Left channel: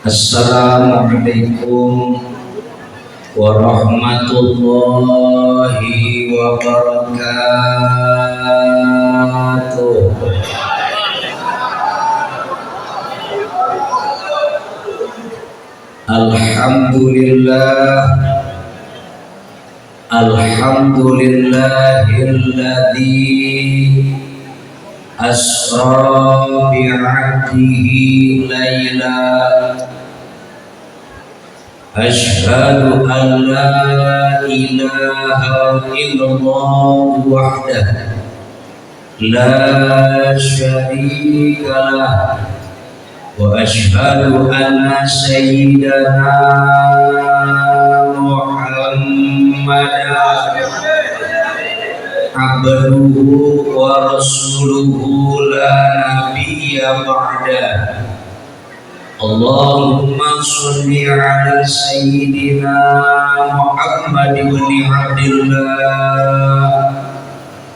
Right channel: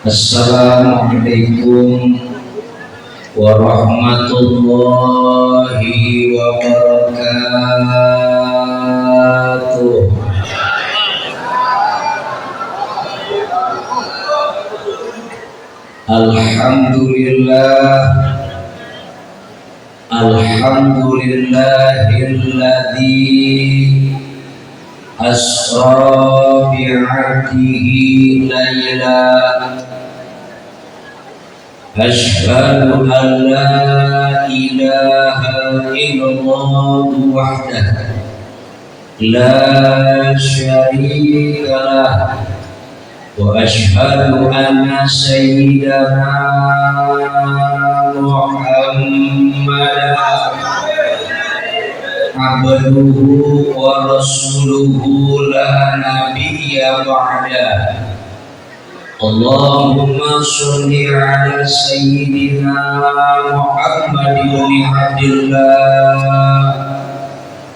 Assalamualaikum warahmatullahi wabarakatuh. Alhamdulillah, alhamdulillahilladzi asra bi'abdihi laila. Ashhadu an la ilaha illallah wahdah la syarika lah, wa ashhadu anna sayyidana Muhammadan abduhu wa rasuluhu la nabiyya ba'dah. Allahumma sholli ala sayyidina Muhammad ibn Abdillah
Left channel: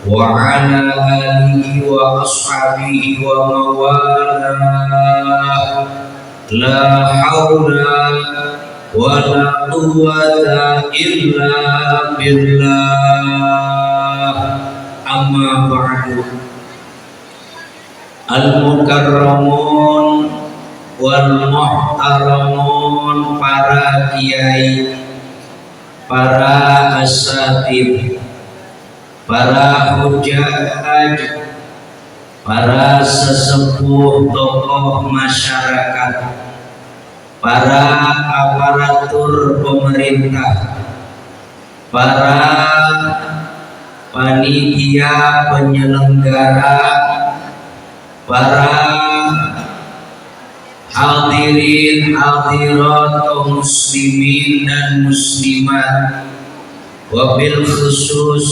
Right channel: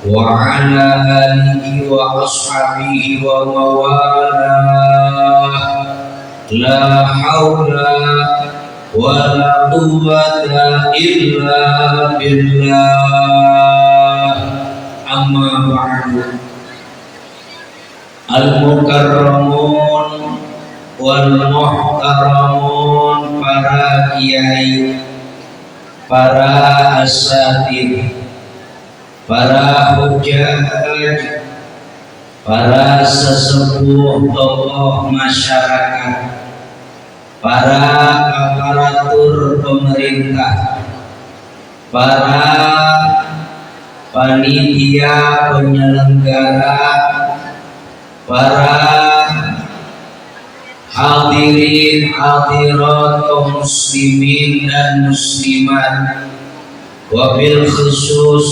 wa ala alihi wa ashabihi wa mawalah. La hawla wa la quwwata illa billah. Amma ba'du. Al-mukarramun wal muhtaramun, para kiai, para asatid, para hujjaj, para sesepuh tokoh masyarakat, para aparatur pemerintah, para panitia penyelenggara, para hadirin hadirat kaum muslimin dan muslimat, wabil khusus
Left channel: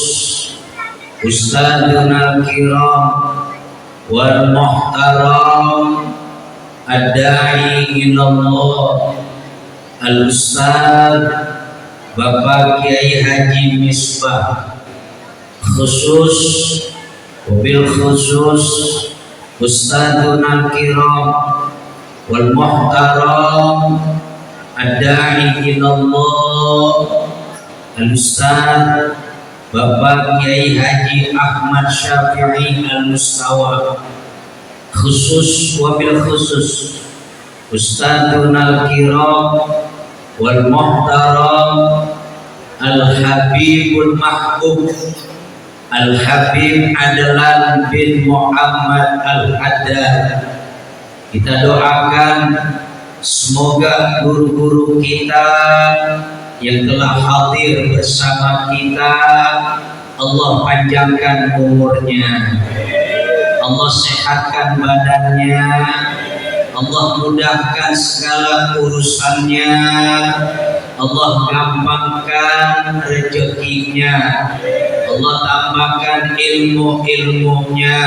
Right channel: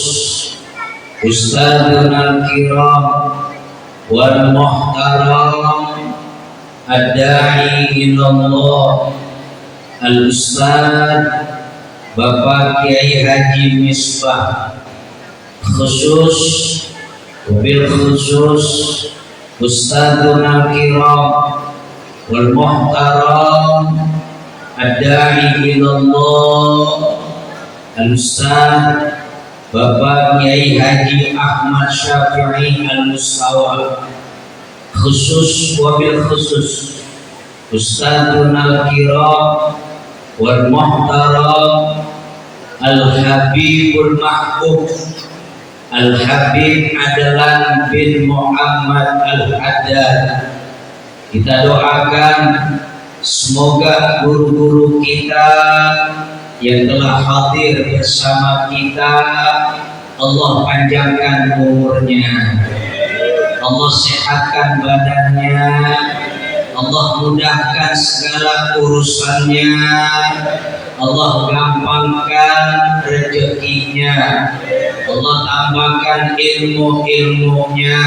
ustadzuna kiram wal muhtaram ad-da'i ilallah al-ustadz Bapak Kiai Haji Misbah, khusus wabil khusus ustadzuna kiram wal muhtaram ad-da'i ilallah al-ustadz Bapak Kiai Haji Ahmad Syafi'i al-Mustawa, khusus wabil khusus ustadzuna kiram wal muhtaram al-habibul mahbub al-habib Adlan bin Muhammad al-Haddad. Kita doakan semoga guru-guru kita yang telah hadir bersama kita, Allah panjangkan umurnya, Allah sehatkan badannya, Allah mudahkan segala urusannya, Allah gampangkan rezekinya, Allah tambahkan ilmu-ilmunya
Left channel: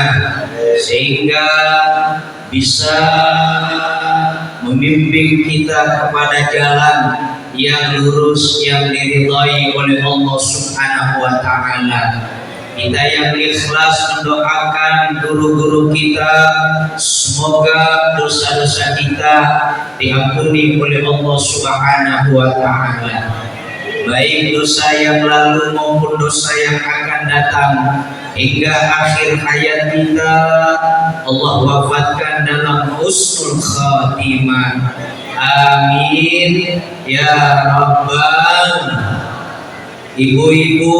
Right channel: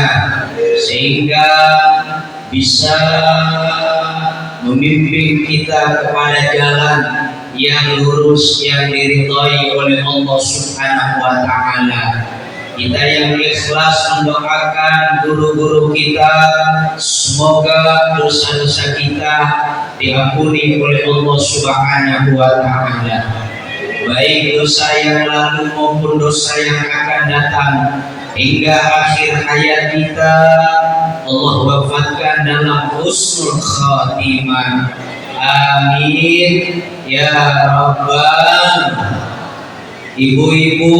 sehingga bisa membimbing kita kepada jalan yang lurus, yang diridhai oleh Allah Subhanahu wa ta'ala. Kita yang ikhlas mendoakan guru-guru kita, semoga dosa-dosa kita diampuni oleh Allah Subhanahu wa ta'ala, baik dosa yang lalu maupun dosa yang akan datang, hingga akhir hayat kita Allah wafatkan dalam husnul khatimah. Amin ya rabbal. Ibu-ibu,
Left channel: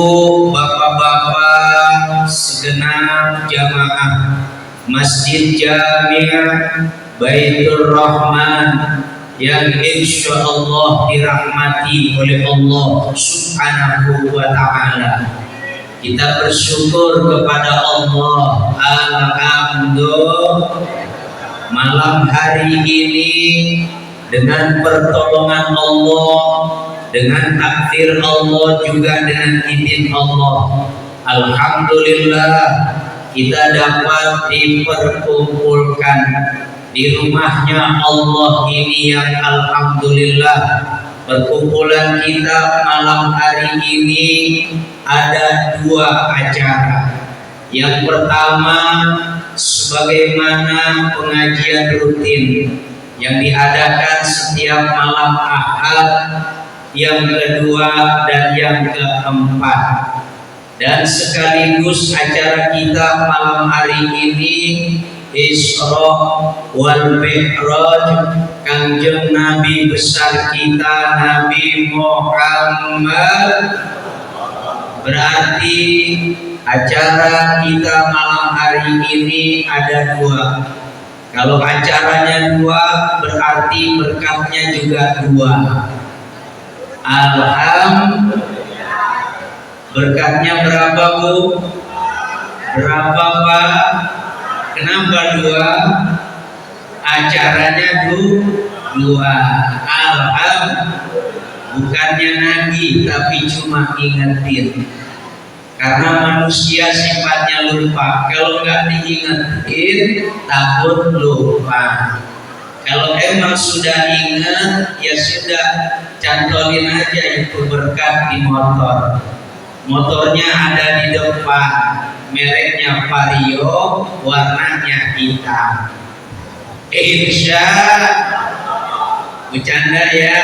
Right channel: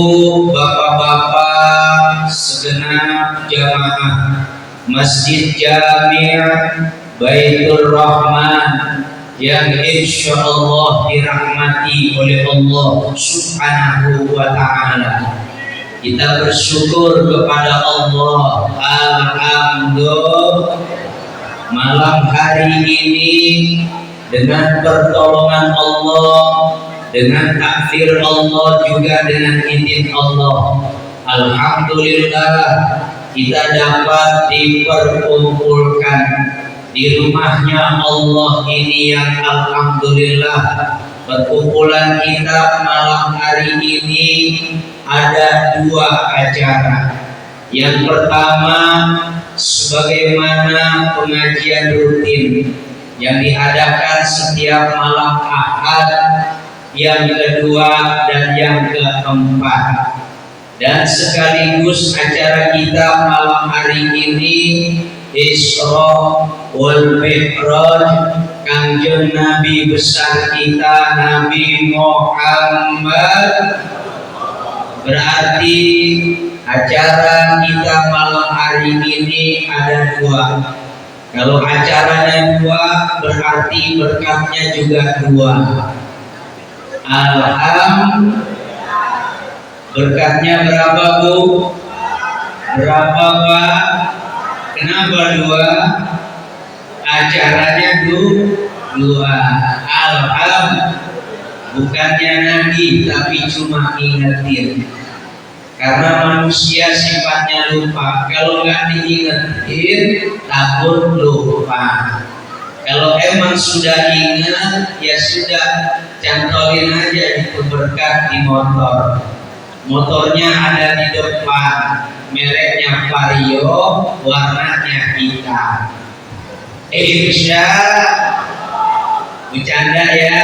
bapak-bapak, segenap jamaah Masjid Jami' Baitur Rahman yang insya Allah dirahmati oleh Allah Subhanahu wa ta'ala. Kita bersyukur kepada Allah. Alhamdulillah, malam hari ini dengan pertolongan Allah, dengan takdir Allah, juga dengan izin Allah, alhamdulillah kita dapat diperkumpulkan di rumahnya Allah ini yang alhamdulillah. Perkumpulan kita malam hari ini ada dua acara. Yang pertama, sebagaimana pengajian rutin, yang diadakan setiap malam Ahad yang kedua dan yang keempat, dan sekaligus acara kita malam hari ini Isra wal Mi'raj Kangjeng Nabi besar kita Nabi Muhammad. Berarti acara kita malam hari ini ada dua. Kalau acaranya dua, berarti berkatnya juga dua. Berkatnya berapa, Bu? Berapa, Pak? Kenapa dua? Acaranya dua. Bukannya Nabi, tapi cuma ingetin. Karena manusia sifatnya lupa. Kalau nggak diingetin, takut lupa. Kalau emang sudah ingat, ya sudah, cantolin aja itu berkat di motor. Motornya ada di depan, mereknya Vario, warnanya hitam. Insya bercanda ya,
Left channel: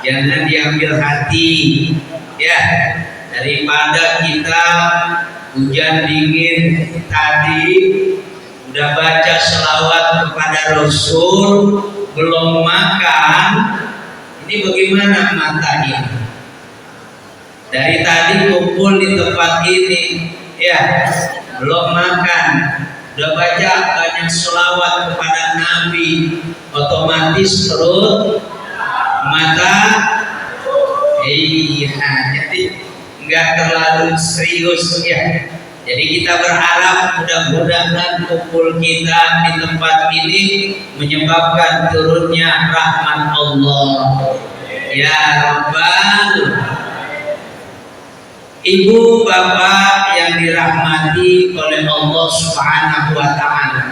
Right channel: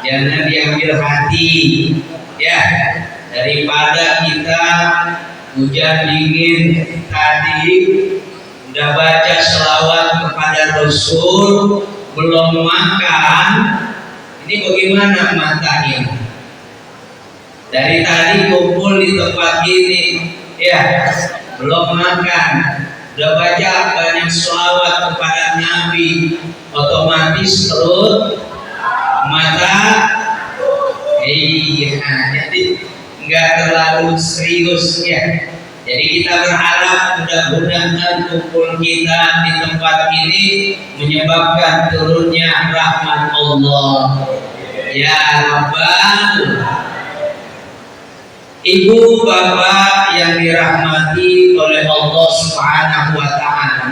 jangan diambil hati ya. Daripada kita hujan dingin tadi udah baca selawat kepada Rasul, belum makan, ini bagaimana matanya? Dari tadi kumpul di tempat ini, ya, belum makan, udah baca banyak selawat kepada Nabi, otomatis perut, mata, iya, jadi nggak terlalu serius ya. Jadi kita berharap mudah-mudahan kumpul kita di tempat ini menyebabkan turunnya rahmat Allah. Ya Rabbal. Ibu bapak yang dirahmati oleh Allah Subhanahu wa Ta'ala,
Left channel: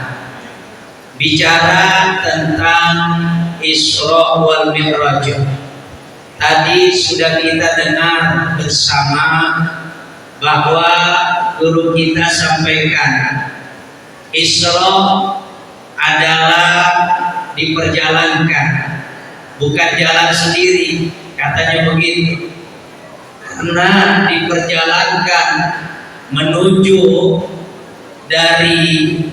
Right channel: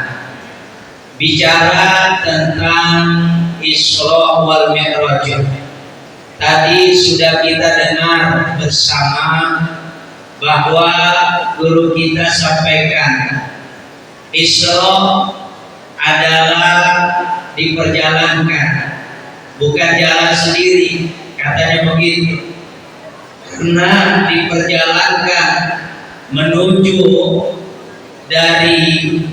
bicara tentang Isra wal Mi'raj. Tadi sudah kita dengar bersama bahwa guru kita sampaikan Isra adalah diperjalankan, bukan jalan sendiri, katanya begitu. Karena diperjalankan menuju dari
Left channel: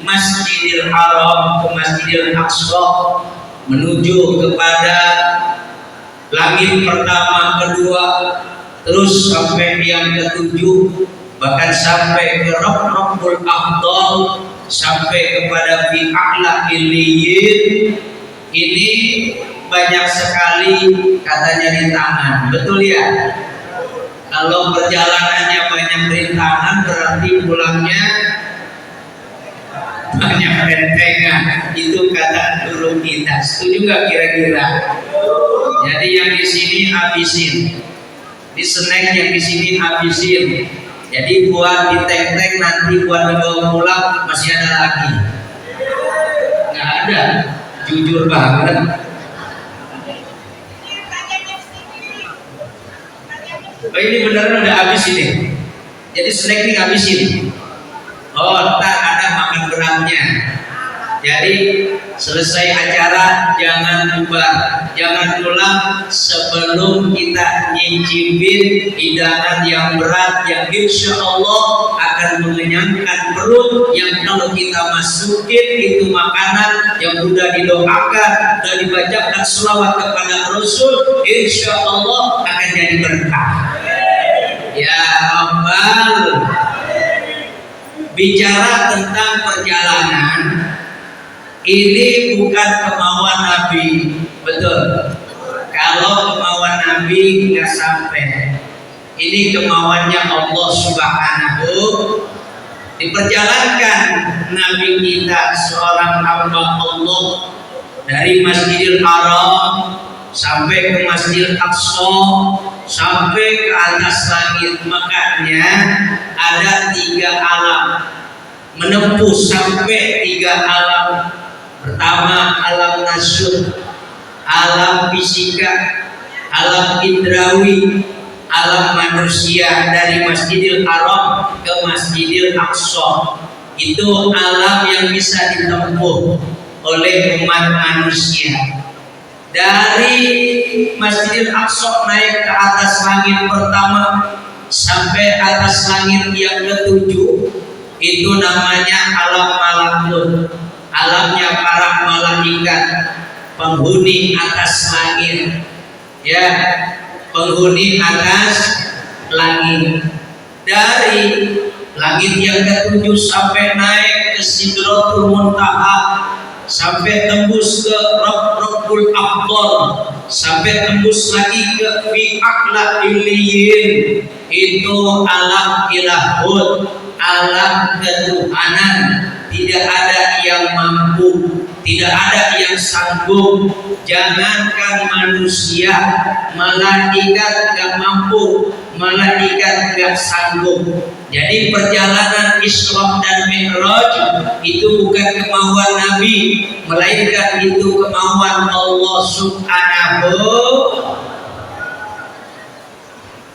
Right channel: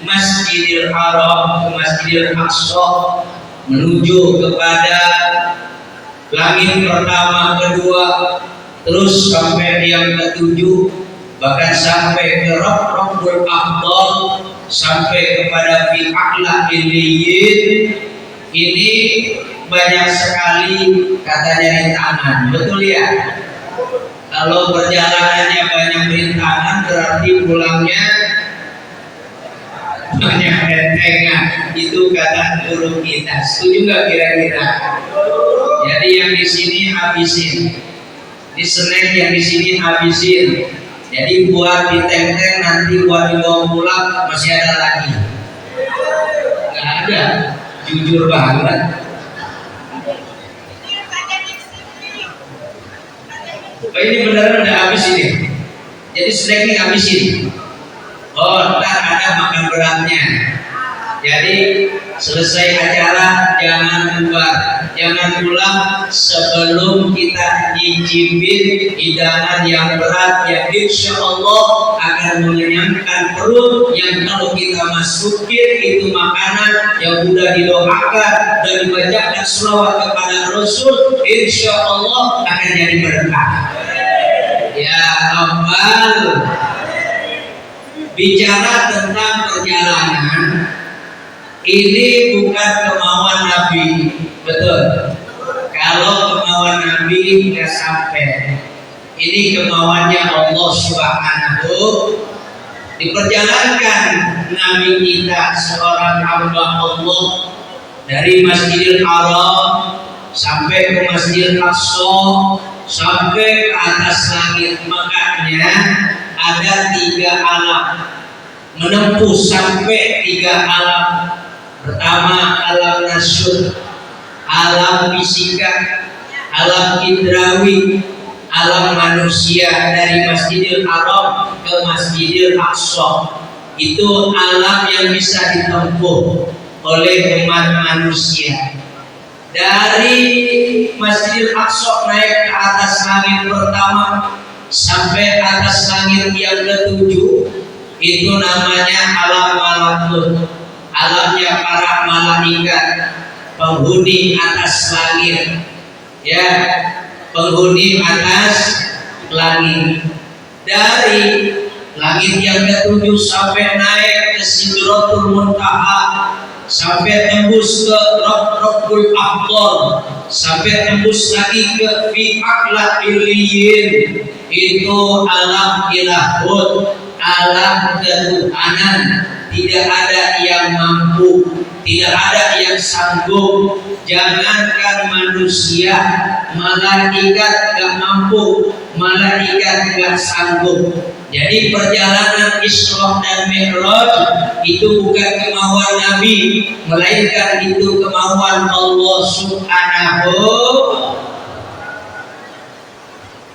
Masjidil Haram ke Masjidil Aqsa, menuju kepada langit pertama, kedua, terus sampai yang ketujuh, bahkan sampai ke Rabbul Afdal, sampai kepada fi a'la illiyin. Ini banyak sekali katanya rintangan, betul ya? Kalau perjalanannya banyak rintangan, berarti pulangnya banyak rentengan. Itu kata guru kita. Setuju nggak kira-kira? Jadi yang di sini habisin, di snack yang di sini habisin. Jadi buat di tank-tank, nanti buat dibawa pulang masih ada lagi. Nggak ada, jujur banget. Oh, ini beneran udah habis ini. Jadi snack ini habisin. Oh, ntar ada makan beratnya. Jadi selesai acara jangan lupa, jangan pulang sebelum kita nyicipin hidangan yang berat yang insya Allah akan mengenyangkan perut, yang kalau kita masukin itu makanan yang sudah didoakan dan dibacakan selawat kepada Rasul, insya Allah akan jadi berkah. Ya Rabbal. Bicara tentang perjalanan, ini bukan kemauan Nabi, betul. Kalau kemauan Nabi nggak sampai, ini kemauannya Allah Subhanahu. Diperjalankan Nabi kita, seorang hamba Allah, dari Masjidil Haram sampai ke Masjidil Aqsa, sampai ke atas langit. Makanya ada 3 alam, menempuh sampai 3 alam. Pertama alam nasyur, alam fisika, alam indrawi, alam manusia. Dari Masjidil Haram ke Masjidil Aqsa, itu alam yang bisa ditempuh oleh umat manusia. Dari Masjidil Aqsa naik ke atas langit pertama sampai atas langit yang ketujuh, itu namanya alam malakut, alamnya para malaikat, penghuni atas langit, ya, penghuni atas langit. Dari langit yang ketujuh sampai naik ke Sidratul Muntaha, sampai tembus ke Rabbul Akbar, sampai tembus lagi ke fi a'la illiyin, itu alam ilahut, alam ketuhanan. Tidak ada yang mampu, tidak ada yang sanggup. Jangankan manusia, malaikat gak mampu, malaikat gak sanggup. Jadi perjalanan Isra dan Mi'raj itu bukan kemauan Nabi, melainkan itu kemauan Allah Subhanahu.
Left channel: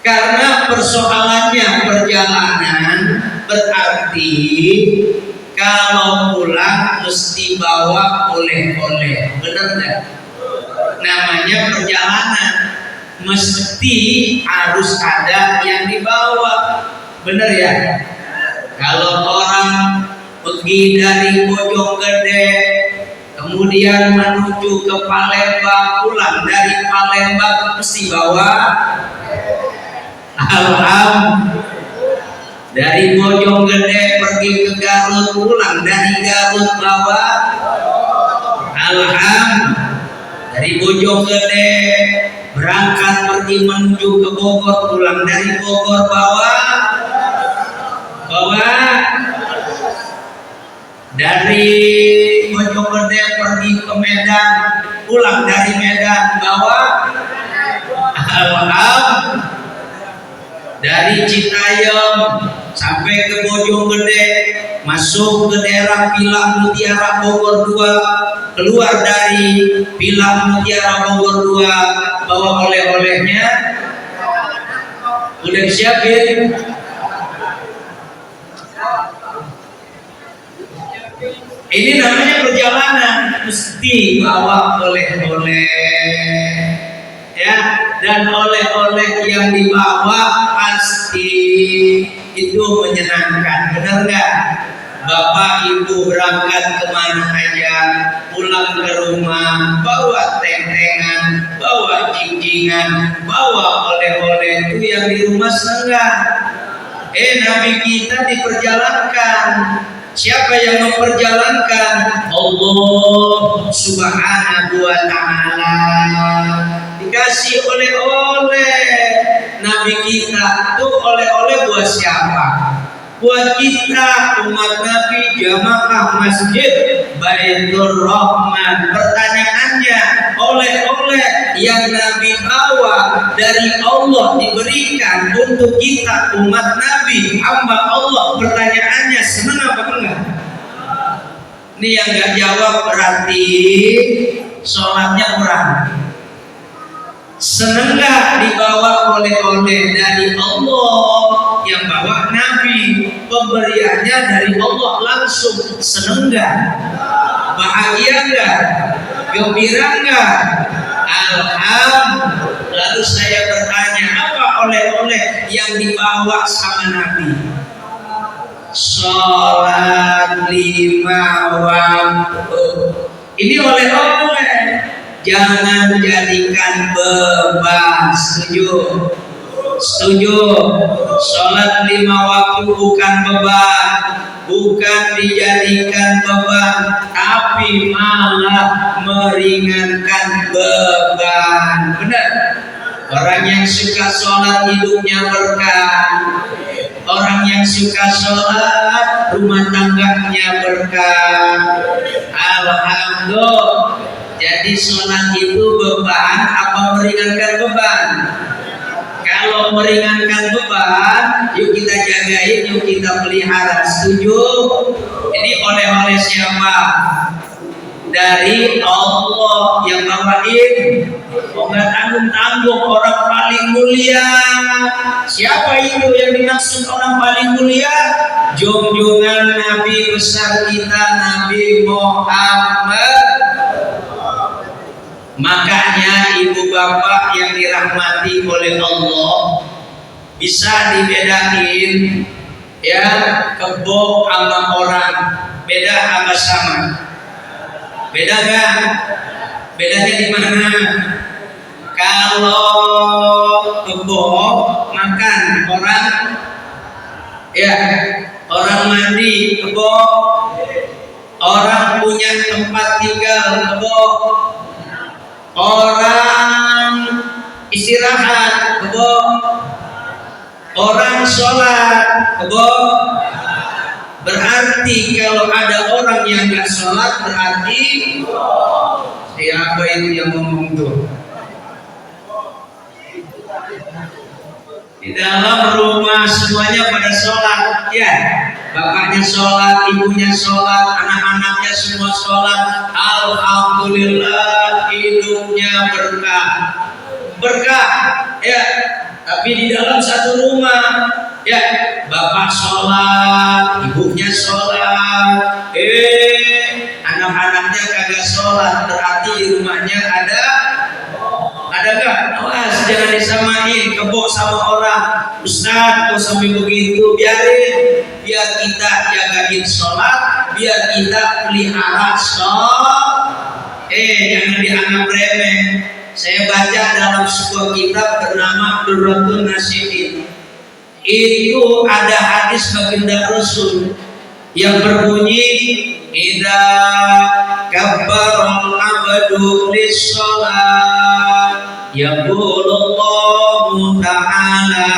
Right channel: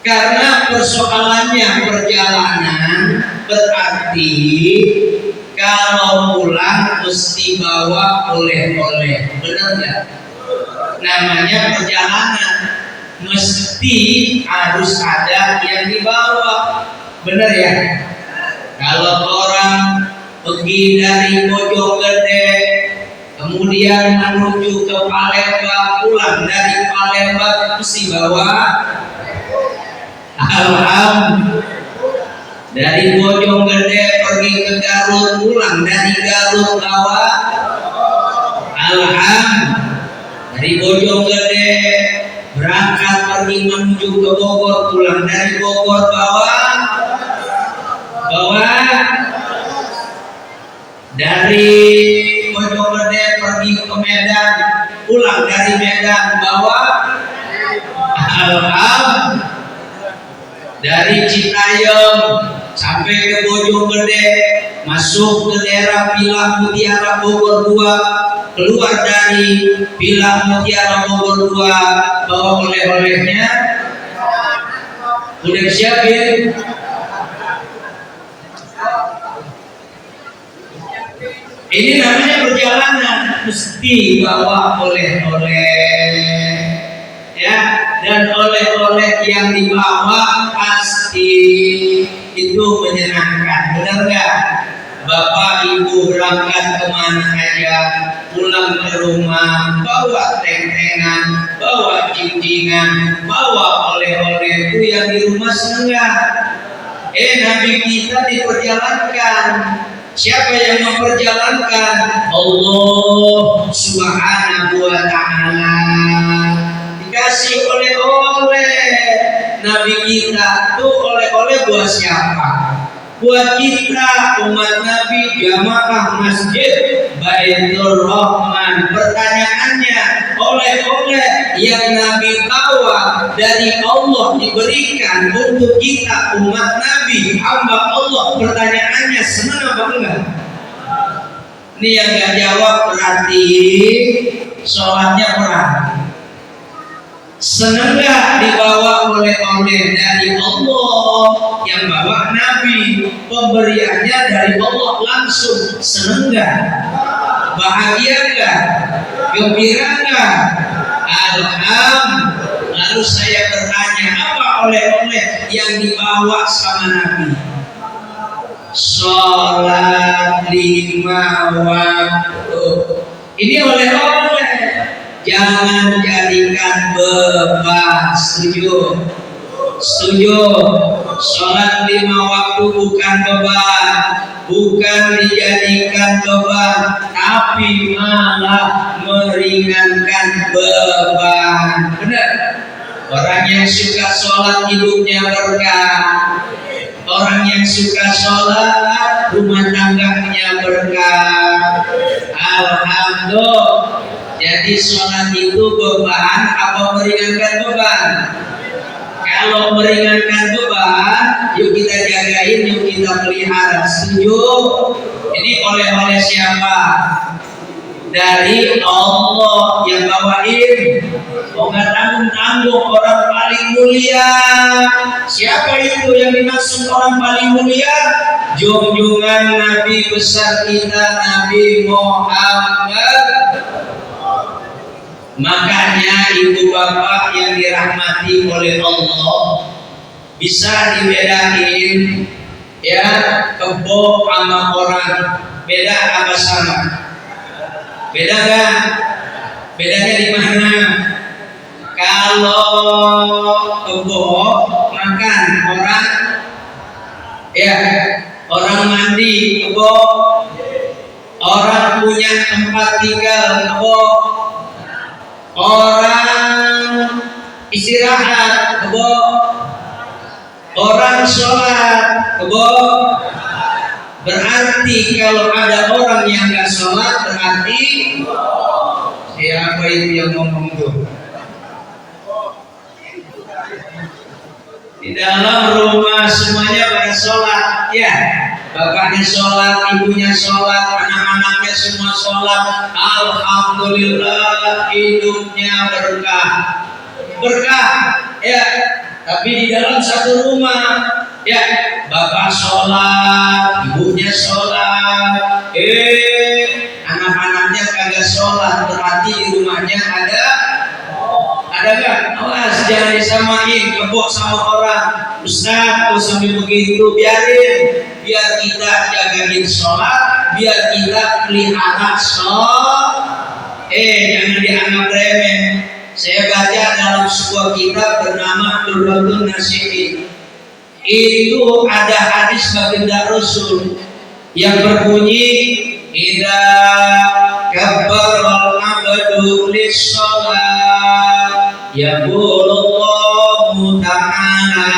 Karena persoalannya perjalanan, berarti kalau pulang mesti bawa oleh-oleh, benar nggak? Namanya perjalanan, mesti harus ada yang dibawa, benar ya? Kalau orang pergi dari Bojonggede, kemudian menuju ke Palembang, pulang dari Palembang mesti bawa dari Bojonggede pergi ke Garut, pulang dari Garut bawa dari Bojonggede berangkat pergi menuju ke Bogor, pulang dari Bogor bawa dari Bojonggede pergi ke Medan, pulang dari Medan bawa dari Citayam sampai ke Bojonggede, masuk ke daerah Pilang Mutiara Bogor 2, keluar dari Pilang Mutiara Bogor 2, bawa oleh-olehnya udah disiapin. Ini namanya perjalanan, mesti bawa oleh-oleh, ya. Dan oleh-oleh yang dibawa pasti itu menyenangkan, benar nggak? Bapak ibu berangkat kemana aja, pulang ke rumah bawa teng-tengan, bawa jinjingan, bawa oleh-oleh, itu yang di rumah senang. Nabi kita diperjalankan. Siapa yang memperjalankan? Allah Subhanahu wa ta'ala. Dikasih oleh-oleh. Nabi kita tuh oleh-oleh buat siapa? Buat kita umat Nabi, jamaah Masjid Baitur Rahman. Pertanyaannya, oleh-oleh yang Nabi bawa dari Allah diberikan untuk kita umat Nabi, hamba Allah, pertanyaannya senang apa enggak? Ini yang enggak jawab berarti sholatnya kurang. Seneng gak dibawa oleh-oleh dari Allah yang bawa Nabi, pemberiannya dari Allah langsung? Seneng gak? Bahagia gak? Gembira gak? Alhamdulillah. Lalu saya bertanya, apa oleh-oleh yang dibawa sama Nabi? Sholat 5 waktu. Ini oleh-oleh. Jangan jadikan beban. Setuju? Setuju. Sholat 5 waktu bukan beban, bukan dijadikan beban, tapi malah meringankan beban. Benar? Orang yang suka sholat hidupnya berkah. Orang yang suka sholat rumah tangganya berkah. Alhamdulillah. Jadi sholat itu beban apa meringankan beban? Kalau meringankan beban, yuk kita jagain, yuk kita pelihara. Setuju? Ini oleh-oleh siapa? Dari Allah yang bawain. Oh, nggak tanggung-tanggung, orang paling mulia. Siapa itu yang dimaksud orang paling mulia? Junjungan Nabi besar kita, Nabi Muhammad Makanya ibu bapak yang dirahmati oleh Allah, bisa dibedain ya kebo sama orang, beda apa sama? Beda kan? Bedanya di mana? Kalau kebo makan, orang ya orang mandi kebo, orang punya tempat tinggal kebo, orang istirahat kebo, orang sholat kebo. Berarti kalau ada orang yang nggak sholat berarti siapa itu yang ngomong tuh? Di dalam rumah semuanya pada sholat ya, bapaknya sholat, ibunya sholat, anak-anaknya semua sholat. Alhamdulillah hidupnya berkah ya. Tapi di dalam satu rumah ya, bapak sholat, ibunya sholat, anak-anaknya kagak sholat, berarti di rumahnya ada nggak? Awas jangan disamain kebo sama orang. Ustaz kok sampai begitu? Biarin, biar kita jagain sholat, biar kita pelihara sholat. Jangan dianggap remeh. Saya baca dalam sebuah kitab bernama Durratun Nasihin. Itu ada hadis baginda Rasul yang berbunyi, idza kabbaral abdu lis-shalah yaqulullahu ta'ala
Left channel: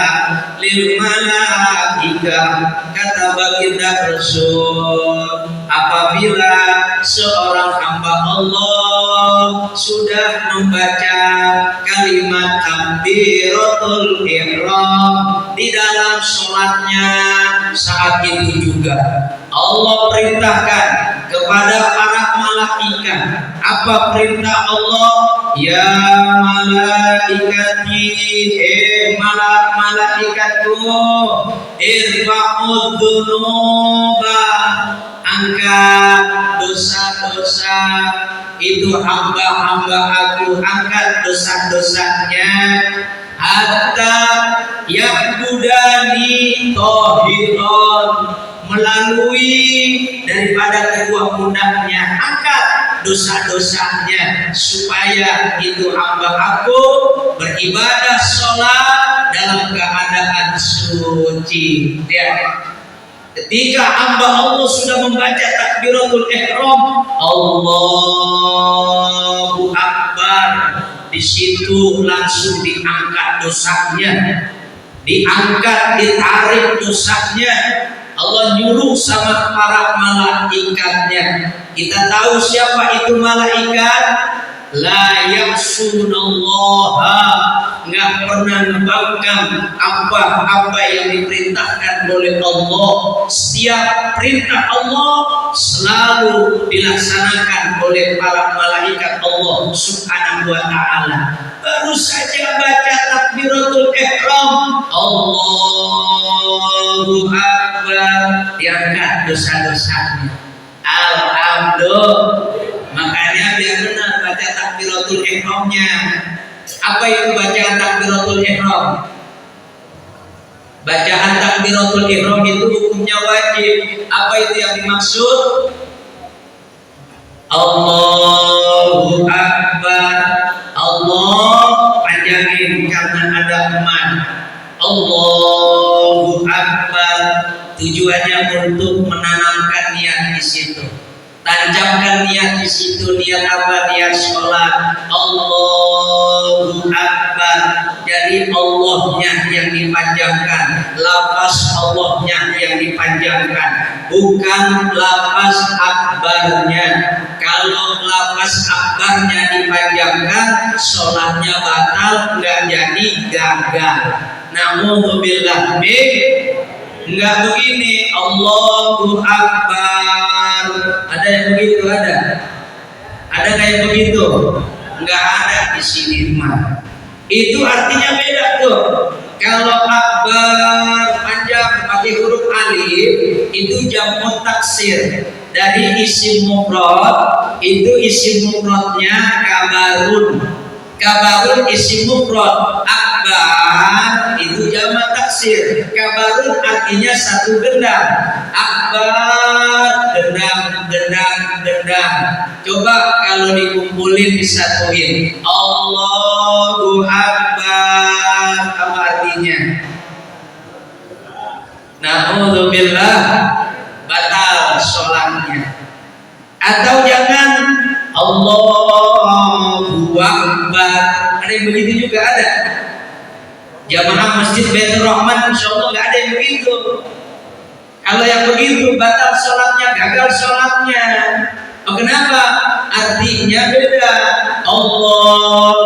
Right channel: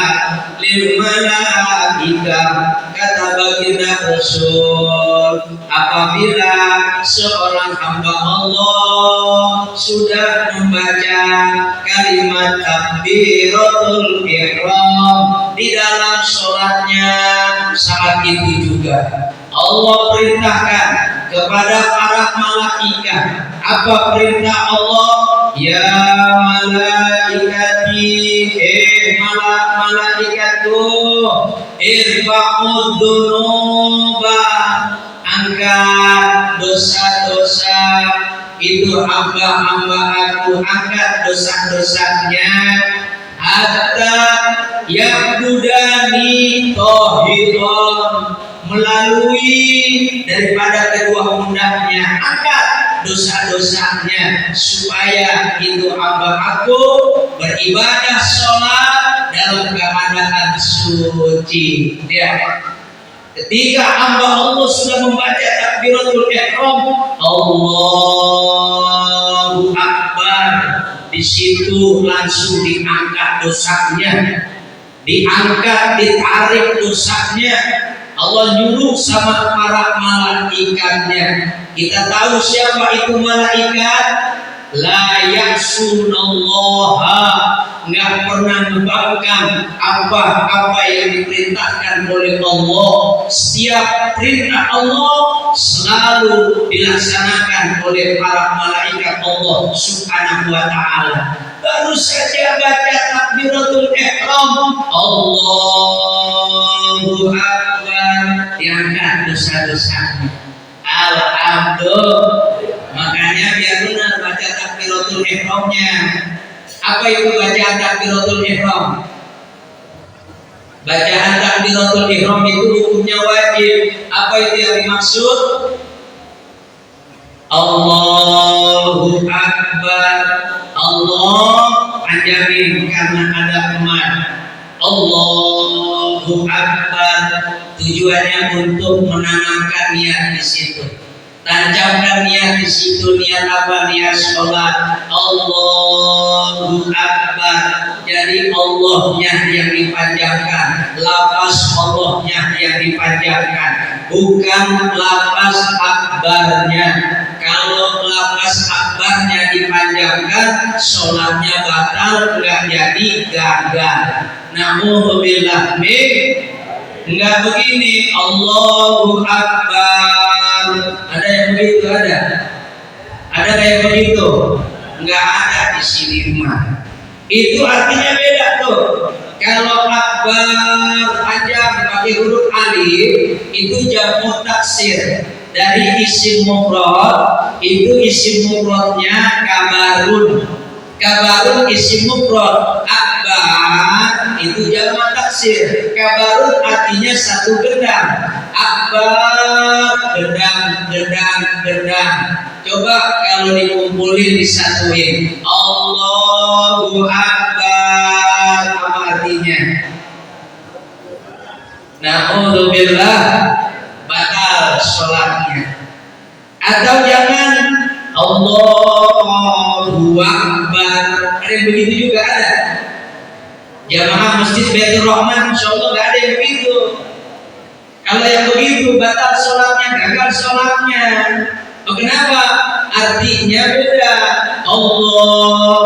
lil malaikah. Kata baginda Rasul, apabila seorang hamba Allah sudah membaca kalimat takbiratul ihram di dalam sholatnya, saat itu juga Allah perintahkan kepada para malaikat. Apa perintah Allah? Ya malaikati, malaikatku, irfa'ud dunuba, angkat dosa-dosa itu hamba-hamba aku, angkat dosa-dosanya, hatta ya'budani tohiron, melalui daripada kedua pundaknya, angkat dosa-dosanya supaya itu hamba aku beribadah sholat dalam keadaan suci ya. Ketika hamba Allah sudah membaca takbiratul ihram, Allahu Akbar, di situ langsung diangkat dosanya, diangkat, ditarik dosanya. Allah nyuruh sama para malaikatnya. Kita tahu siapa itu malaikat? La ya'sunallaha, nggak pernah membangkang apa yang diperintahkan oleh Allah. Setiap perintah Allah selalu dilaksanakan oleh para malaikat Allah Subhanahu wa ta'ala. Baru saja baca takbiratul ihram, Allahu Akbar, diangkat dosa-dosanya. Alhamdulillah. Makanya biar benar baca takbiratul ihramnya. Apa itu bacaan takbiratul ihram? Bacaan takbiratul ihram itu hukumnya wajib. Apa itu yang dimaksud? Allahu Akbar. Allah panjangin karena ada teman. Allahu Akbar. Tujuannya untuk menanamkan niat di situ. Tancapkan niat di situ. Niat apa? Niat sholat. Allahu Akbar. Jadi Allahnya yang dipanjangkan, lafaz Allahnya yang dipanjangkan, bukan lafaz akbarnya. Kalau lafaz akbarnya dipanjangkan, sholatnya batal, nggak jadi, gagal. Na'udzubillah min, nggak begini. Allahu Akbar. Ada yang begitu? Ada kayak begitu? Nggak ada di sini mah. Itu artinya beda tuh. Kalau akbar panjang pakai huruf alif itu jamu taksir dari isim mufrad itu isim mufradnya kabarun. Kabarun isim mufrad, akbar itu jamak taksir. Kabarun artinya satu gendang. Akbar gendang. Coba kalau dikumpulin disatuin, Allahu Akbar, apa artinya? Na'udzubillah, batal sholatnya. Atau jangan Allahu Akbar, ada yang begitu juga ada. Jamaah Masjid Baitur Rahman insyaallah nggak ada yang begitu. Kalau yang begitu batal sholatnya, gagal sholatnya. Oh, kenapa? Artinya beda. Allah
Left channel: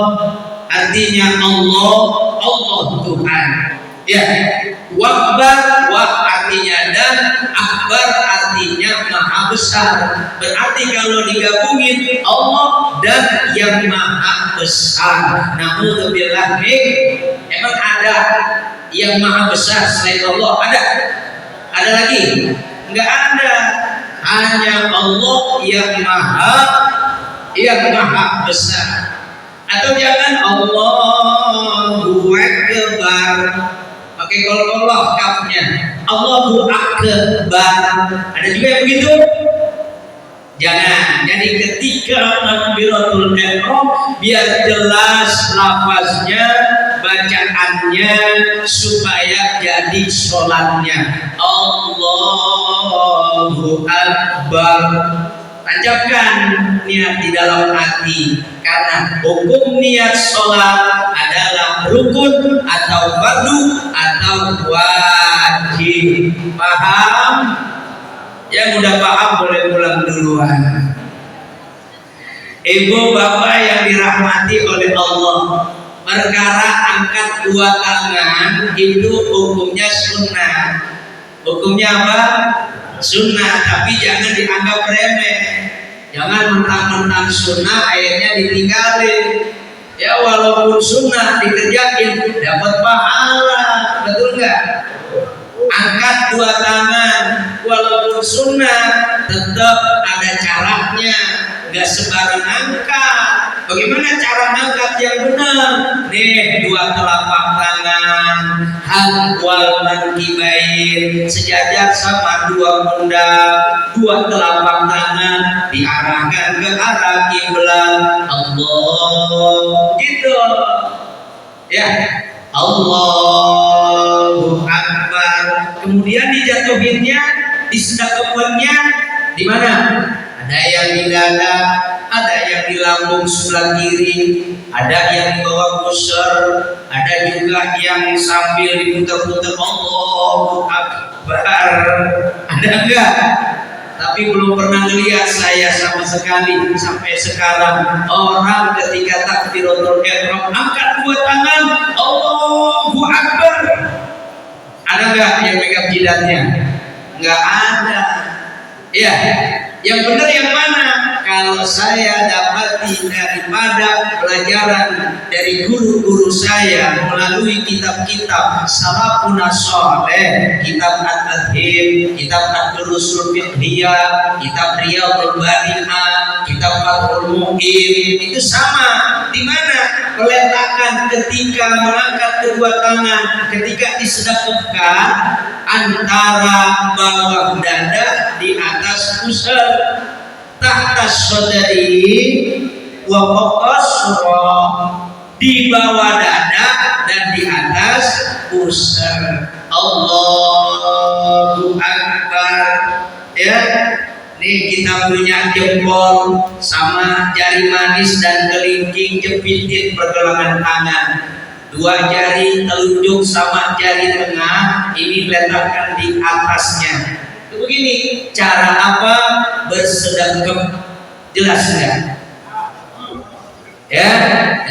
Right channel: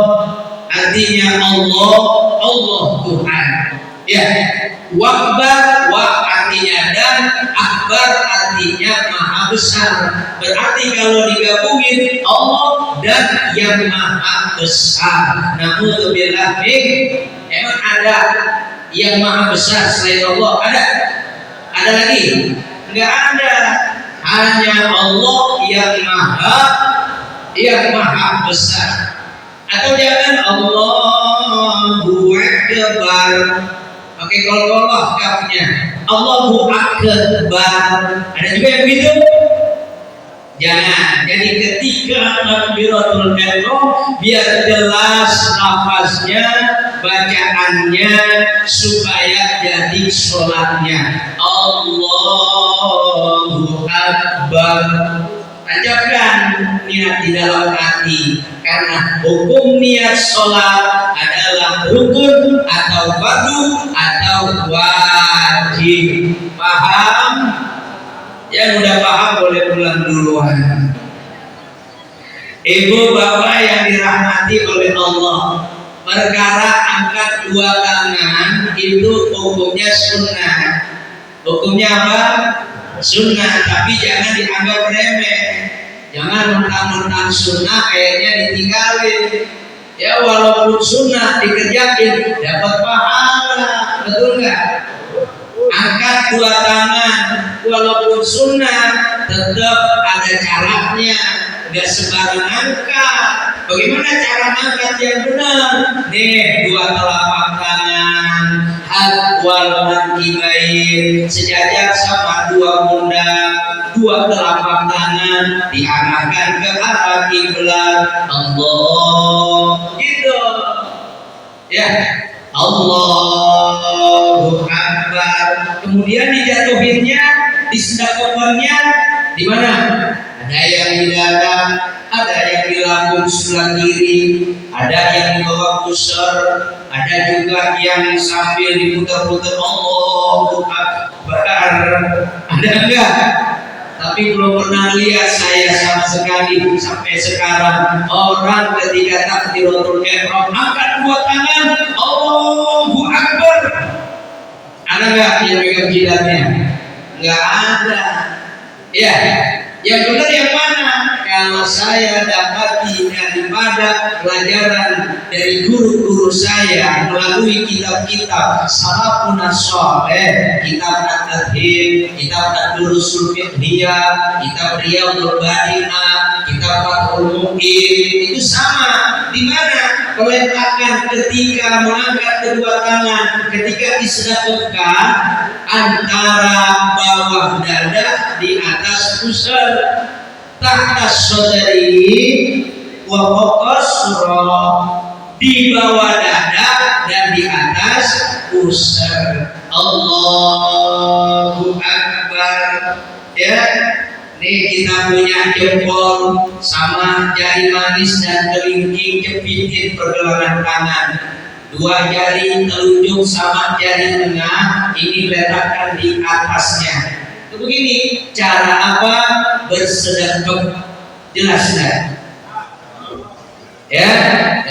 artinya Allah Tuhan. Ya, wakbar artinya dan, akbar artinya maha besar. Berarti kalau digabungin Allah dan yang maha besar. Na'udzubillah min. Emang ada yang maha besar selain Allah? Ada lagi? Enggak ada. Hanya Allah yang maha besar. Atau jangan Allahu Akbar, pakai kol-koloh kafnya, Allahu Akbar. Ada juga yang begitu? Jangan. Jadi ketika takbiratul ihram biar jelas lafaznya, bacaannya, supaya jadi sholatnya Allahu Akbar. Tancapkan niat di dalam hati, karena hukum niat sholat adalah rukun atau fardu atau wajib. Paham? Yang udah paham boleh pulang duluan. Ibu bapak yang dirahmati oleh Allah, perkara angkat dua tangan itu hukumnya sunnah. Hukumnya apa? Sunnah, tapi jangan dianggap remeh. Jangan mentang-mentang sunnah akhirnya ditinggalin. Ya walaupun sunnah dikerjain dapat pahala, betul nggak? Angkat dua tangan walaupun sunnah tetap ada caranya, nggak sembarang angkat. Bagaimana cara angkat yang benar? Nih, dua telapak tangan, hadwal mankibain, sejajar sama dua pundak, dua telapak tangan diarahkan ke arah kiblat. Allah, gitu. Ya, Allahu Akbar. Kemudian dijatuhinnya, disedekapannya di mana? Ada yang di dada, ada yang di lambung sebelah kiri, ada yang di bawah pusar, ada juga yang sambil diputar-putar Allahu Akbar. Ada enggak? Tapi belum pernah lihat saya sama sekali sampai sekarang orang ketika takbiratul ihram angkat dua tangan Allahu Akbar. Ada enggak yang pegang jidatnya? Enggak ada. Ya, yang benar yang mana? Kalau saya dapati daripada pelajaran dari guru-guru saya melalui kitab-kitab salafun saleh, kitab At-Tadhib, kitab Ad-Durusul Fiqhiyah, kitab Riyadhul Badi'ah, kitab Fathul Mu'in, itu sama. Di mana peletakan ketika mengangkat kedua tangan, ketika disedekahkan antara bawah dada di atas pusar, tahtas sodari wa fawqas surah, di bawah dada dan di atas pusar. Allahu Akbar. Ya, nih kita punya jempol sama jari manis dan kelingking jepitin pergelangan tangan. Dua jari telunjuk sama jari tengah ini letakkan di atasnya. Itu begini, cara apa bersedekah? Jelas nggak? Ya,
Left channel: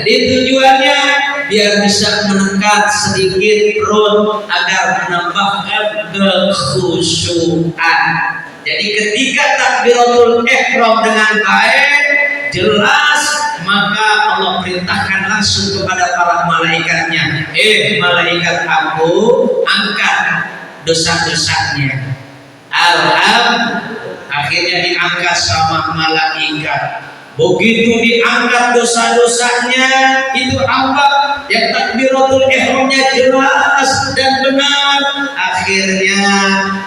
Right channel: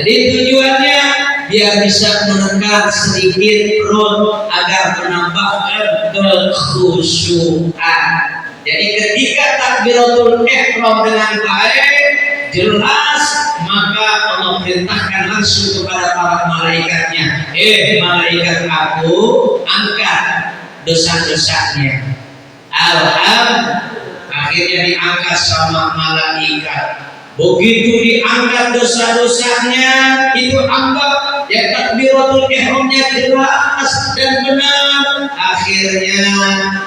jadi tujuannya biar bisa menekan sedikit perut agar menambahkan kekhusyuan. Jadi ketika takbiratul ihram dengan baik, jelas, maka Allah perintahkan langsung kepada para malaikatnya, malaikat aku angkat dosa-dosanya. akhirnya diangkat sama malaikat. Begitu diangkat dosa-dosanya, itu hamba yang takbiratul ihramnya jelas dan benar. Akhirnya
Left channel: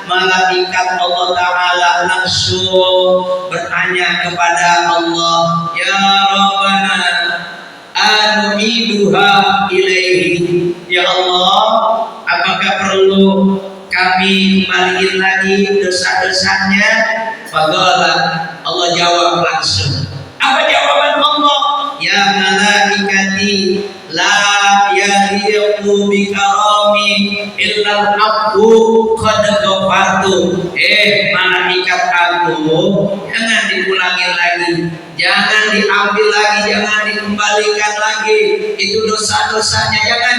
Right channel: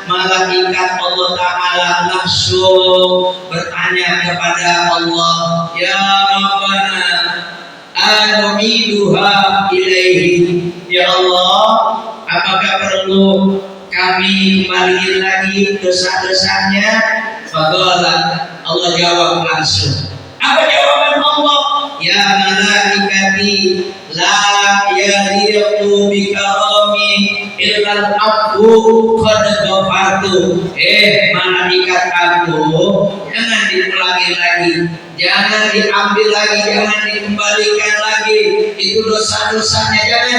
malaikat Allah Ta'ala langsung bertanya kepada Allah, ya Rabbana anu'iduha ilaihi. Ya Allah, apakah perlu kami kembaliin lagi dosa-dosanya? Faqala, Allah jawab langsung. Apa jawaban Allah? Ya malaikati la yaliqu bikarami illal abdu qad ghafartu. Malaikat aku, jangan diulangi lagi, jangan diambil lagi, jangan dikembalikan lagi. Itu dosa-dosanya, jangan.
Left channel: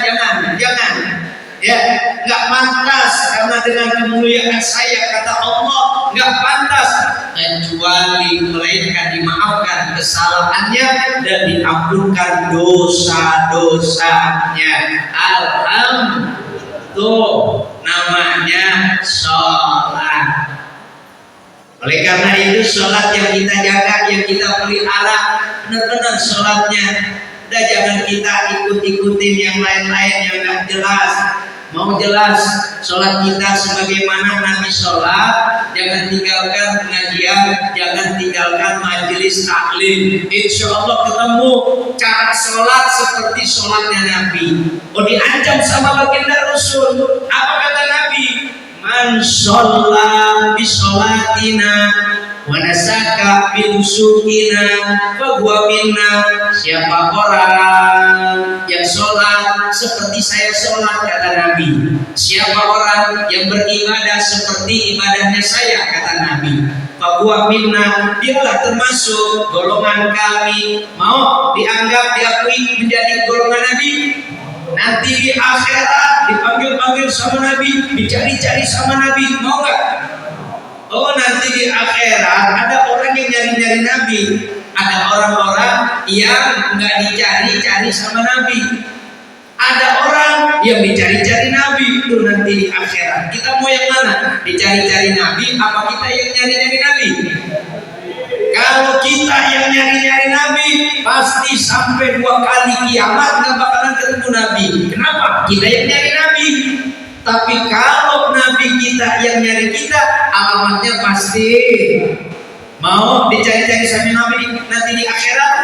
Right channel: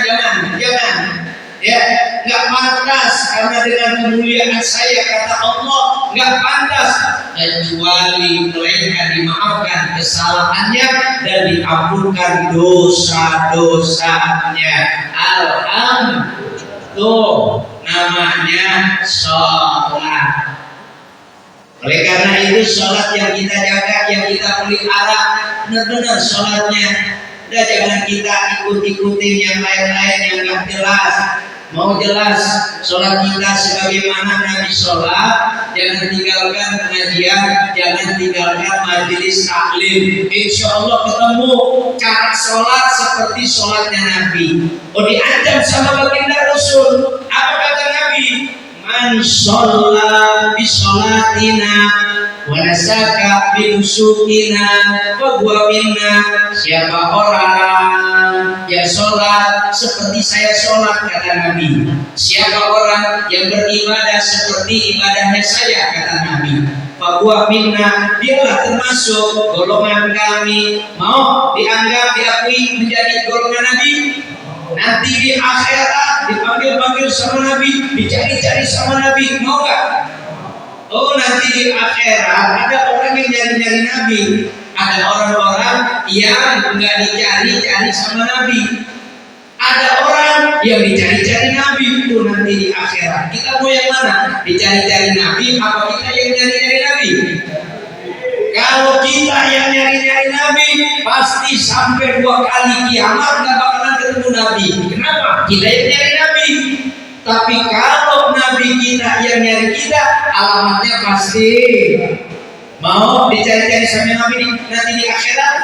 Ya, nggak pantas, karena dengan kemuliaan saya, kata Allah, nggak pantas kecuali melainkan dimaafkan kesalahannya dan diampunkan dosa-dosanya. Alhamdulillah, namanya sholat. Oleh karena itu sholat yang kita jaga, yang kita pelihara benar-benar sholatnya. Udah, jangan kita ikut-ikutin yang lain-lain yang nggak jelas. Mau jelas sholat kita sebagaimana Nabi sholat, jangan tinggalkan pengajian, jangan tinggalkan majelis taklim. Insya Allah ketemu cara sholat seperti sholatnya Nabi. Diancam sama baginda Rasul. Apa kata Nabi? Man sholat bi sholatina wa nasaka bi nusukina fa huwa minna. Siapa orang yang sholat seperti saya sholat, kata Nabi. Siapa orang yang beribadah seperti ibadahnya saya, kata Nabi, fa huwa minna, dialah termasuk golongan kami. Mau dianggap, diakui menjadi golongan Nabi? Nanti di akhirat dipanggil-panggil sama Nabi, dicari-cari sama Nabi, mau gak? Nanti di akhirat ada orang yang nyari-nyari Nabi, ada orang-orang yang nggak dicari-cari sama Nabi, ada orang yang dicari-cari Nabi. Itu nanti di akhirat kita mau yang mana? Dicari-cari Nabi apa kita yang nyari-nyari Nabi? Kalau kita yang nyari-nyari Nabi, pasti sampai 2 kali kiamat nggak bakalan ketemu Nabi. Kenapa? Kita yang nyari Nabi. Tapi kalau Nabi kita yang nyari kita, alamatnya pasti mau dicari-cari sama Nabi nanti di akhirat.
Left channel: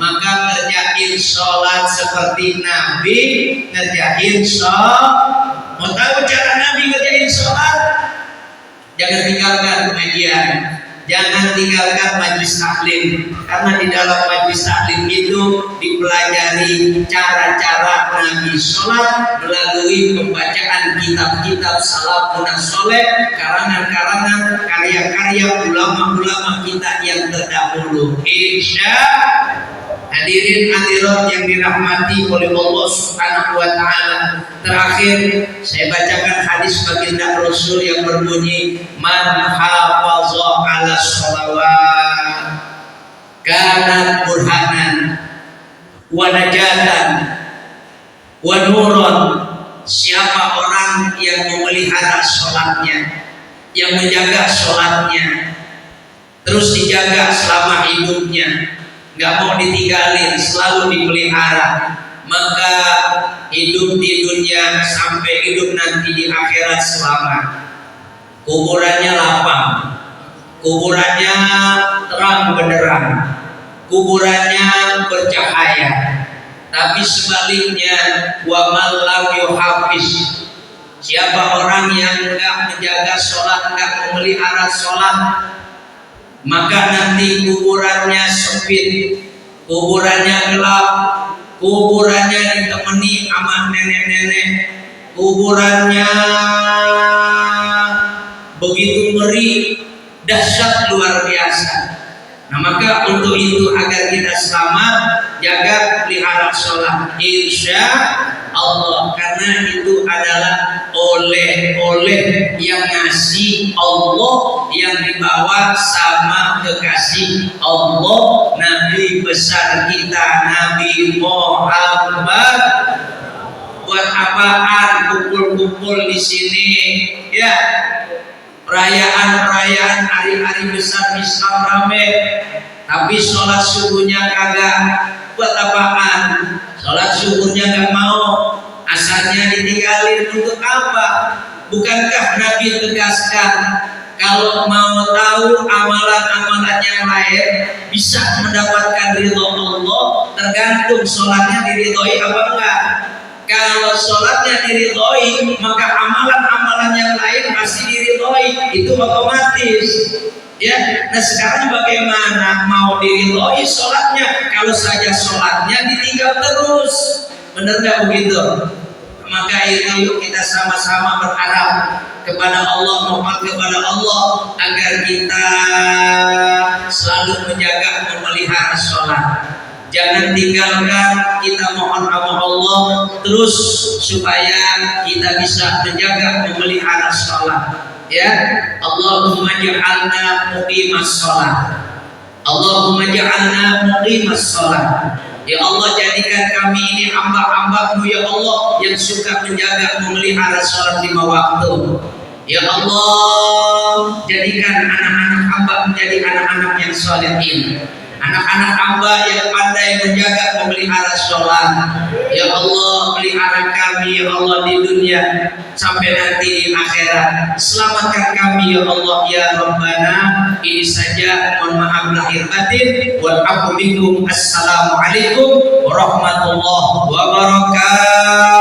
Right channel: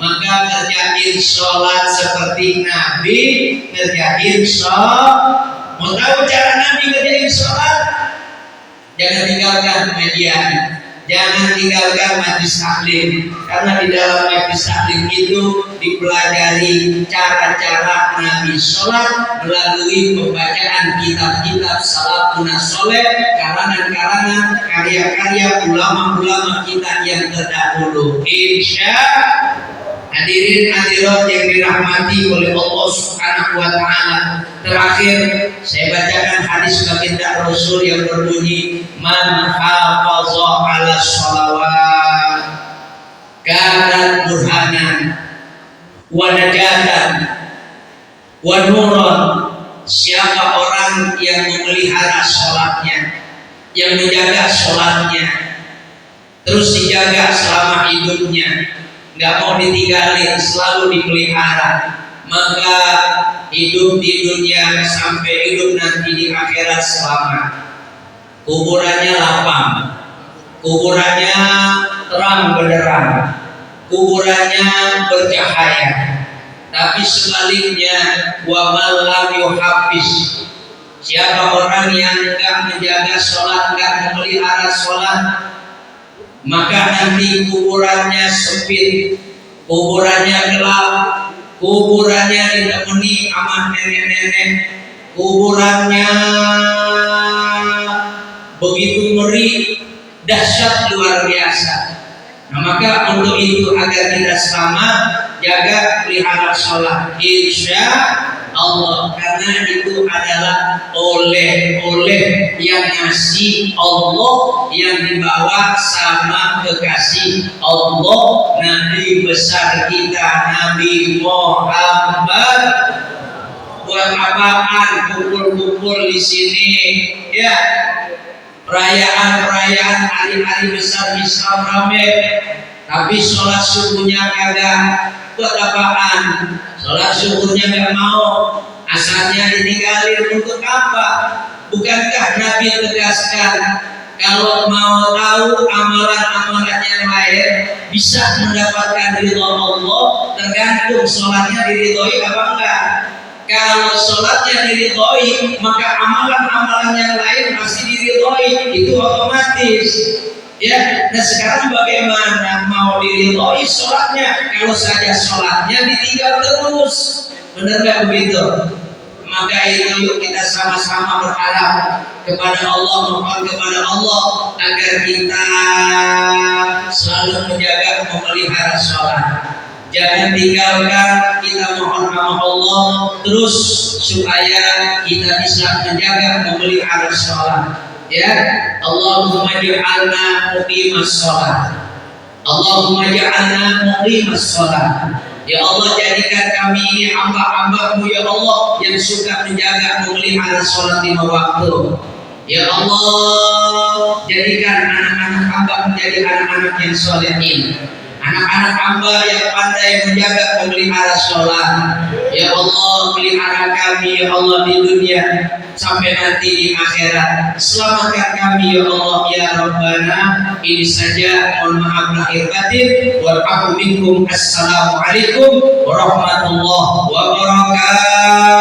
Maka ngerjain sholat seperti Nabi, ngerjain sholat. Mau tahu cara Nabi ngerjain sholat? Jangan tinggalkan pengajian, jangan tinggalkan majlis taklim, karena di dalam majlis taklim itu dipelajari cara-cara Nabi sholat melalui pembacaan kitab-kitab salafun saleh, karangan-karangan, karya-karya ulama-ulama kita yang terdahulu. Hadirin hadirat yang dirahmati oleh Allah Subhanahu wa taala. Terakhir saya bacakan hadis baginda Rasul yang berbunyi, man hafaza 'ala sholawat kanat burhanan wa najatan wa nuron. Siapa orang yang memelihara sholatnya, yang menjaga sholatnya, terus dijaga selama hidupnya, nggak mau ditinggalin, selalu dipelihara, maka hidup di dunia sampai hidup nanti di akhirat selamat. Kuburannya lapang, kuburannya terang benderang, kuburannya bercahaya. Tapi sebaliknya, wa man lam yuhafiz, siapa orang yang enggak menjaga sholat, enggak memelihara sholat, maka nanti kuburannya sempit, kuburannya gelap, kuburannya ditemani sama nenek-nenek, kuburannya begitu ngeri, dahsyat luar biasa. Nah, maka untuk itu agar kita selamat, jaga pelihara sholat, insya Allah, karena itu adalah oleh-oleh yang ngasih Allah, yang dibawa sama kekasih Allah, Nabi besar kita Nabi Muhammad. Buat apaan kumpul-kumpul di sini? Ya, perayaan hari-hari besar Islam rame, tapi sholat subuhnya kagak. Buat apaan? Sholat subuhnya nggak mau, asarnya ditinggalin untuk apa? Bukankah Nabi tegaskan kalau mau tahu amalan-amalan yang lain bisa mendapatkan ridho Allah, tergantung sholatnya diridhoi apa enggak. Kalau sholatnya diridhoi, maka amalan-amalan yang lain pasti diridhoi, itu otomatis. Ya, nah sekarang bagaimana mau diridhoi sholatnya kalau saja sholatnya ditinggal terus? Benar nggak begitu? Maka itu yuk kita sama-sama berharap kepada Allah, mohon kepada Allah agar kita selalu menjaga memelihara sholat. Jangan tinggalkan, kita mohon sama Allah terus supaya kita bisa menjaga memelihara sholat. Ya, Allahumma ja'alna muqimas sholat. Allahumma ja'alna muqimas sholat. Ya Allah, jadikan kami ini hamba-hamba-Mu ya Allah yang suka menjaga memelihara sholat 5 waktu. Ya Allah, jadikan anak-anak hamba menjadi anak-anak yang sholihin, anak-anak hamba yang pandai menjaga memelihara sholat. Ya Allah, pelihara kami ya Allah di dunia sampai nanti di akhirat. Selamatkan kami ya Allah ya Rabbana. Ini saja, mohon maaf lahir batin. Wal minkum. Assalamualaikum warahmatullahi wabarakatuh.